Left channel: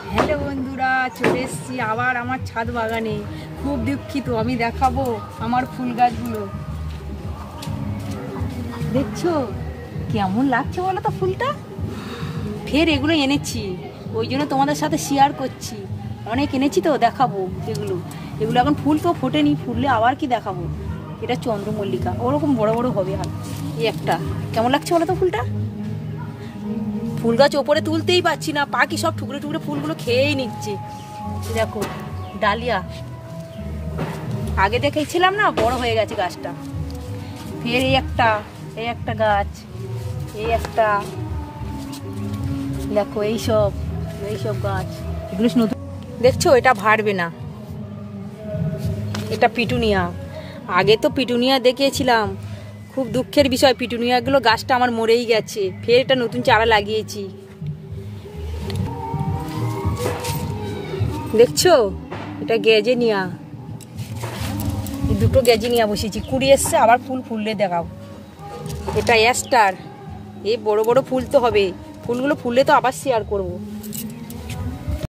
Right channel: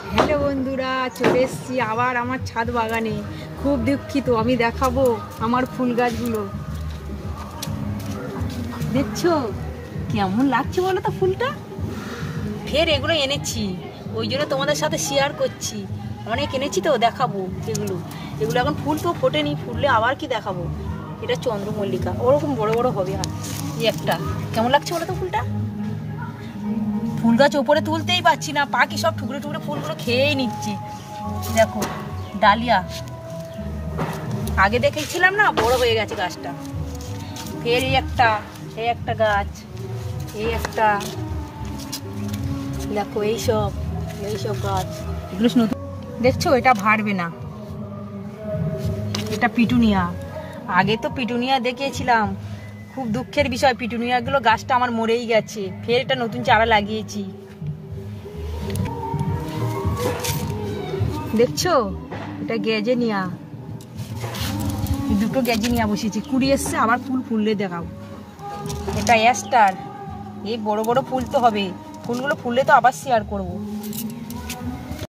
Hello বন্ধুরা, চলে এসেছি আবার আমার ছাদ বাগানে। খুব দুঃখিত, আমি দেখাবো আমার ফুল গাছগুলো। দেখছো কেমন লাগছে বলো তো ফুলটা? ফের এগুলো এনেছি, ওই জন্য তোমাদের সাথে শেয়ার করছি। অনেক এনেছি তো দেখাবো এগুলো এখন ফুল তো ফোটেনি, ফুললে আবার কি দেখাবো। এটা চন্দ্রমল্লিকা, ওরকম বড় বড় হবে। আর এই একটা কেমন লাগছে বলো তো ফুলটা? ফুল গাছ ওপরে তুলতেই পারছি না, পাখি সব টুকরো টুকরো ফুলগুলো খেয়েই নিচ্ছে। দেখো ডালিয়া, আগে দেখেছিলাম না, বড় হয়ে গেছে গাছটা। ফের এই একটা গাছ, এই একটা, দেখো এইসব গাছ, এগুলো নতুন। দেখছো এটা ভাড়বে না, এটা পিটুনিয়া। আগে তো পিটুনিয়া দেখিয়েছিলাম, খুব দুঃখের বিষয়, পিটুনিয়াগুলো গাছটা আমার মরেই গেছে। ফের এটা নতুন চারা লাগিয়েছি। দেখছো এটা গ্যাজেনিয়া, দুটো গ্যাজেনিয়া বসেছি, কুড়ি এসছে, আবার ফুল ফুললে দেখাও। এটা অ্যাস্টার, এই বড় বড় ফুল তো হবে, ফুলগুলো ফুললে তো আবার শেয়ার করবো।